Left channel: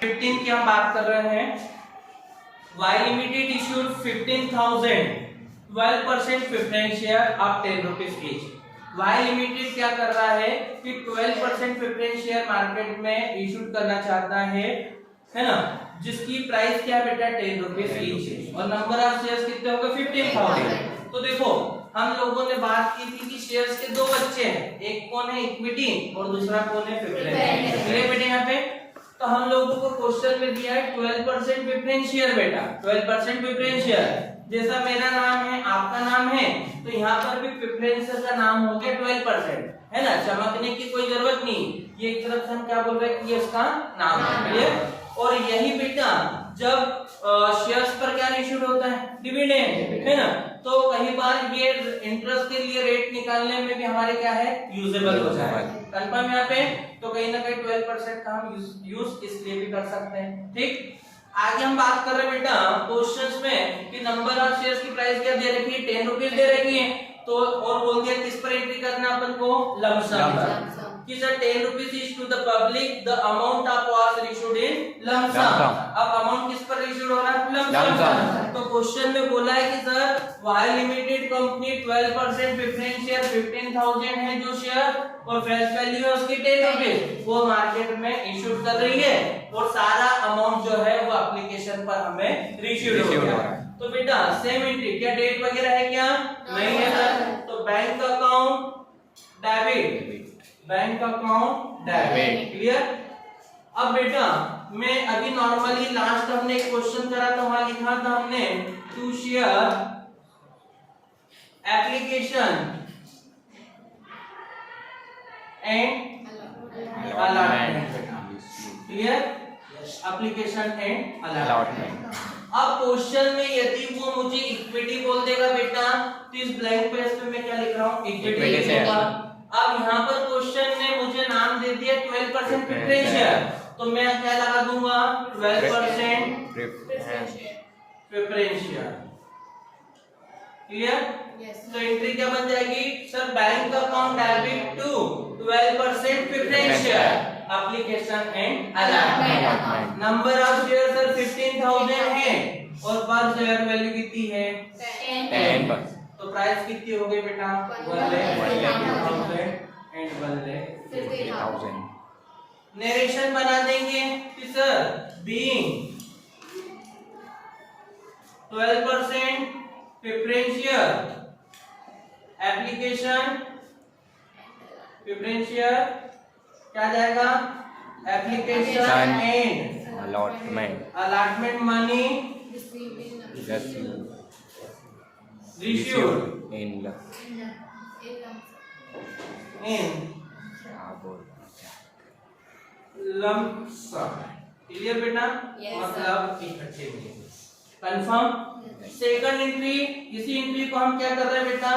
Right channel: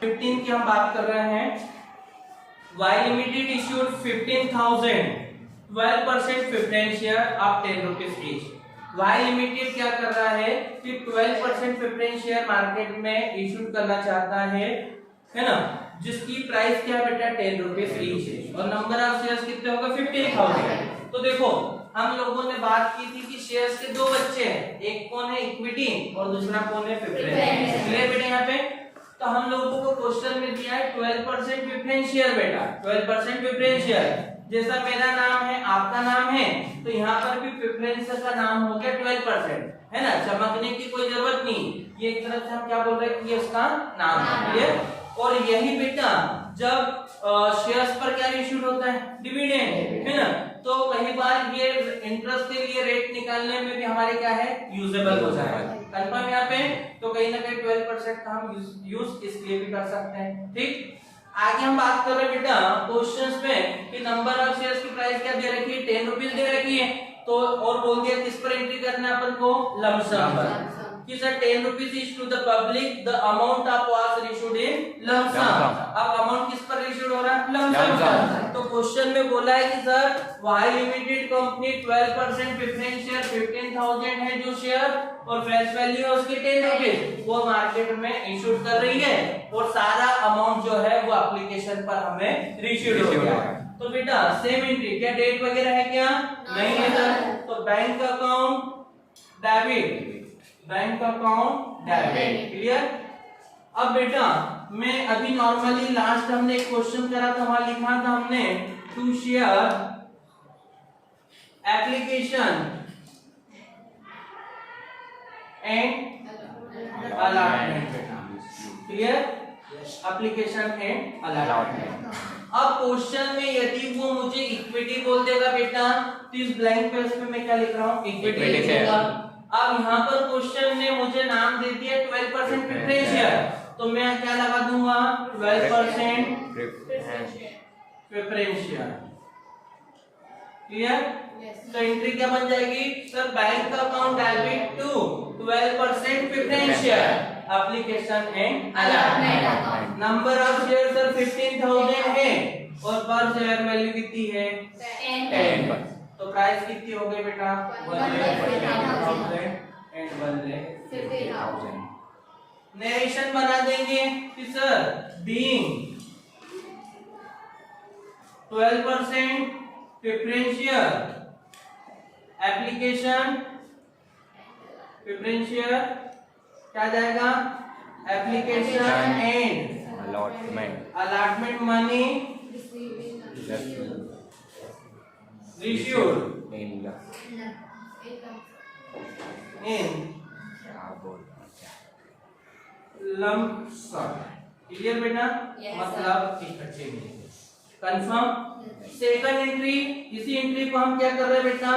15 की हम बात कर रहे हैं। Y limited issued 15,000 12% preference share of 10 rupees each. Y limited क्या कर रहा है कि 12% प्रेफरेंस शेयर मार्केट में इशू करना चाहता है ना, जिसकी प्राइस क्या बेटा 10 रुपीज ईच है और नंबर ऑफ शेयर्स कितने होंगे 15,000। तो देखो हम लोगों ने बात की थी कि शेयर्स के दो बच्चे हैं, एक कौन है इक्विटी और दूसरा कौन है प्रेफरेंस। क्लियर बेटा यहाँ पे? तो हम लोगों को क्वेश्चन में दिया है 12% प्रेफरेंस शेयर बेटा, 12% प्रेफरेंस शेयर। जैसा मेरा नाम है आपका नाम है तो यहाँ पर भी प्रेफरेंस का नाम हो गया 12%, है ना, चमकने की कोई जरूरत नहीं। ये एक तरफ से हम क्या बोल रहे हैं कि ये उसका नाम है। क्लियर? और यही बेटा जब शेयर्स पर क्या इशू होता है डिविडेंड, है ना, तो कई बार ये इंटरेस्ट के लिए रेट निकालने में भी हमारे क्या है यूजेबल हो जाए। कंफर्म यहाँ पे? तो कहीं ना कहीं 12% का हम यूज इसलिए भी कर सकते हैं। ठीक, आगे हम बात कर रहे हैं बेटा क्वेश्चंस में कि नंबर ऑफ शेयर्स की प्राइस क्या दे रखी है 10 रुपीज दे रखी है। तो और बोल दिया किस पर एंट्री करना है अपन को, लमसम पर, कि sir 10 rupees is to the public, the amount of was issued in lump sum. अब अमाउंट किस पर इशूड हो रहा है, लमसम पर। तो क्वेश्चन में बोला है कि sir Y limited company 12% preference share 15,000 है जो शेयर और फेस वैल्यू है उसकी 10 रुपीज, वो मार्केट में इशूड कर रही है और सारा अमाउंट जो है वो एप्लीकेशन पर हमें रिसीव हो गया। तो बेटा सेम एंट्री, क्या डेट वगैरह है क्या, नहीं है सर। तो bank account debit, bank account debit. Clear? अब बेटा मैं अभी नॉर्मली लास्ट हमने एक क्वेश्चन करा था, वहां लिखा था हमने to share application and allotment. Clear? Application and allotment. अब क्वेश्चन में यदि वो मुझे इक्विटी बोल देगा बेटा तो इस ब्लैंक पेज पे मैं क्या लिख रहा हूँ, इक्विटी होगा। अब यहाँ पर क्वेश्चन ने मुझे नाम दे दिया 12% प्रेफरेंस शेयर, तो मैं क्या लगा दूंगा 12% प्रेफरेंस शेयर। क्लियर? तो एंट्री क्या बन जाएगी sir, bank account debit to 12% preference share application and allotment. Number of share sir 15,000 है और पर शेयर वैल्यू कितनी है 10। तो प्राइस कितनी हो गई बेटा 1,50,000 एंड 1,50,000। नरेशन बना देंगे कि sir being 12% preference share application, preference share क्या जाएगा application and allotment money received in lump sum. Clear बेटा? मतलब इकट्ठे में। कंफर्म? सेकंड एंट्री, इसी एंट्री को हम क्या कर रहे हैं बेटा,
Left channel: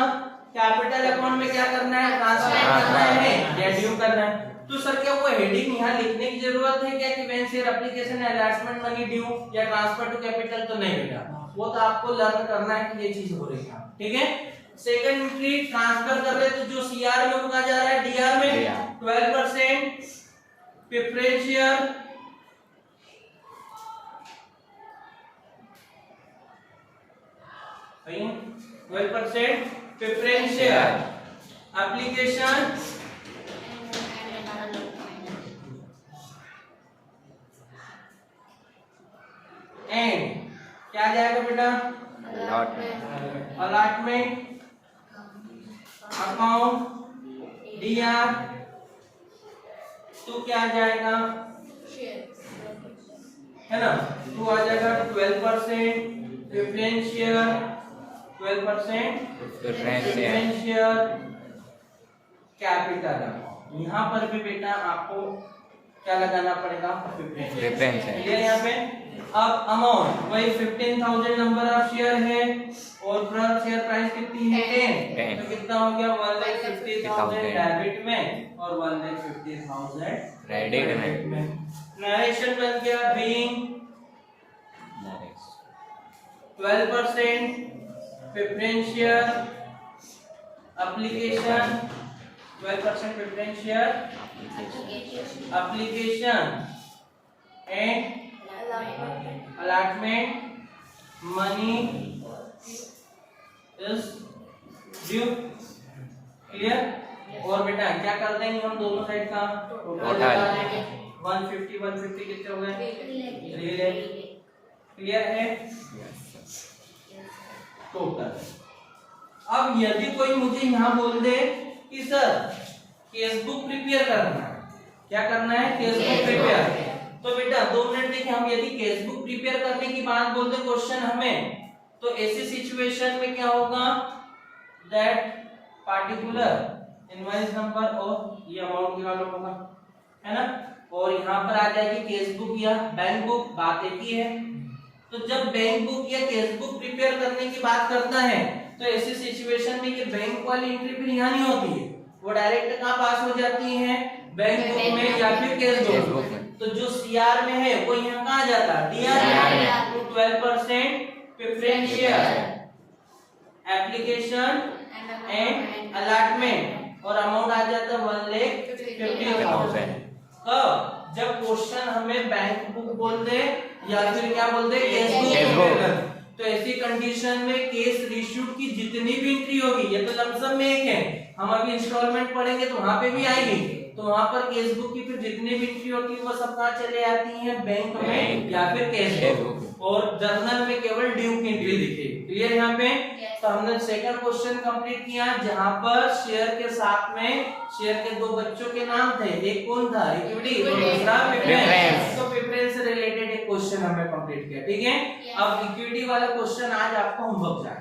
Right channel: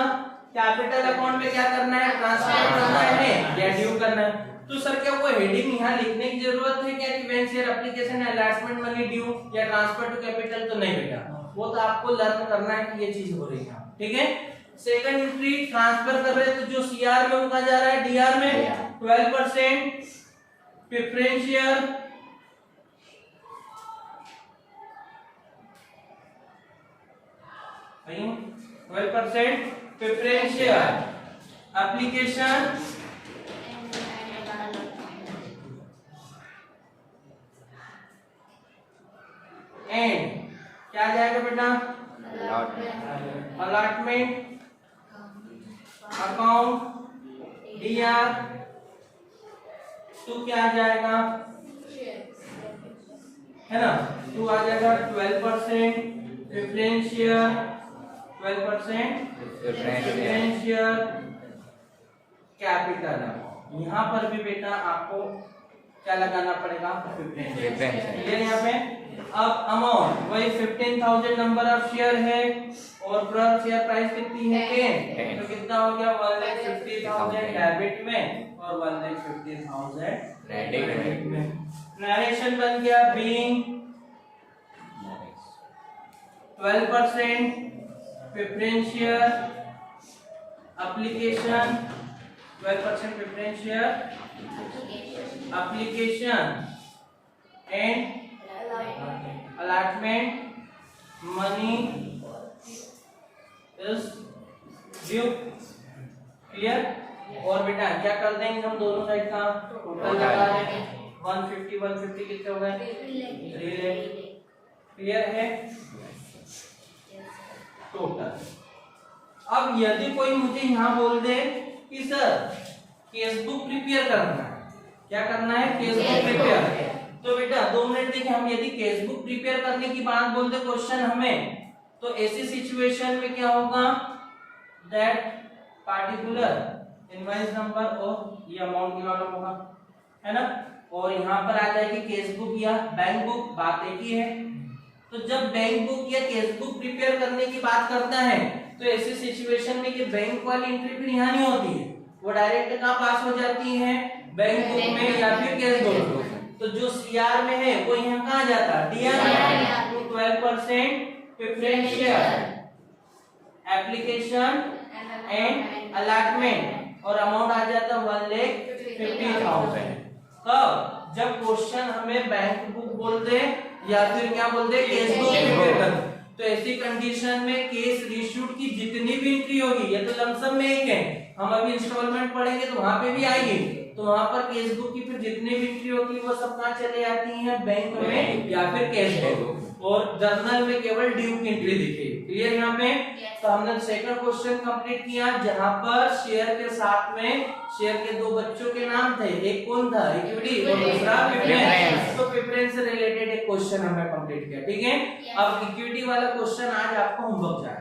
कैपिटल अकाउंट में क्या करना है, ट्रांसफर करना है या ड्यू करना है। तो सर क्या वो हेडिंग यहाँ लिखने की जरूरत है क्या कि when share application allotment money due या ट्रांसफर टू कैपिटल? तो नहीं बेटा, वो तो आपको लर्न करना है कि ये चीज हो रही है। ठीक है? सेकंड एंट्री ट्रांसफर कर रहे हैं तो जो सीआर यूज का जा रहा है डीआर में 12% प्रेफरेंस शेयर भाई 12% प्रेफरेंस शेयर एप्लीकेशन एंड क्या जाएगा बेटा अलॉटमेंट अकाउंट डीआर तो क्या जाएगा है ना, तो आ जाएगा 12% preference share 12% preference share capital. यहाँ पर भी बेटा आपको क्या लगाना पड़ेगा प्रेफरेंस। यहाँ पे अब अमाउंट वही 15,000 नंबर ऑफ शेयर है और पर शेयर प्राइस कितनी है 10, तो कितना हो गया 1,50,000 डेबिट में और 1,50,000 क्रेडिट में। नरेशन बन गया being 12% preference share application 12% preference share application and allotment money is due. Clear. और बेटा क्या कर देंगे हम दोनों साइड का टोटल लगा देंगे। 150 कितने हो गए? 3 लाख। क्लियर है टोटल। अब यदि कोई मुझे यहाँ बोल दे कि सर केस बुक प्रिपेयर करना है, क्या करना है? Case book prepare. तो बेटा 2 मिनट देखिए, हम यदि केस बुक प्रिपेयर करने की बात बोल दे क्वेश्चन हमें, तो ऐसी सिचुएशन में क्या होगा? दैट पार्टिकुलर इनवॉइस नंबर और ये अमाउंट की मालूम होगा, है ना। और यहाँ पर आ जाएगी केस बुक या बैंक बुक, बात एक ही है। तो जब बैंक बुक या केस बुक प्रिपेयर करने की बात करता है तो ऐसी सिचुएशन में ये बैंक वाली एंट्री फिर यहाँ नहीं होती है, वो डायरेक्ट कहाँ पास हो जाती है? बैंक बुक में या फिर केस बुक। तो जो सीआर में है वो यहाँ कहाँ जाता है? DR. 12% preference share, application and allotment, और अमाउंट आ जाता है 1,50,000। कब? जब क्वेश्चन हमें बैंक बुक बोल दे या फिर क्या बोल दे? Case book. तो ऐसी कंडीशन में केस रिश्यूड की जितनी भी एंट्री होगी, ये तो लमसम में एक है, हम अभी इंस्टॉलमेंट पढ़ेंगे तो वहां पे भी आएगी, तो वहां पर केस बुक की फिर जितनी भी एंट्री होती है वो सब कहाँ चले जाती है? बैंक में या फिर केस बुक। और जर्नल में केवल ड्यू की एंट्री दिखेगी। क्लियर यहाँ पे? तो हमने सेकंड क्वेश्चन कंप्लीट किया जहां पर शेयर के साथ में शेयर के 2 बच्चों के नाम थे, एक कौन था? इक्विटी, और दूसरा प्रेफरेंस। तो प्रेफरेंस से रिलेटेड एक क्वेश्चन हमने कंप्लीट किया। ठीक है। अब इक्विटी वाला क्वेश्चन आज आपको होमवर्क जाए।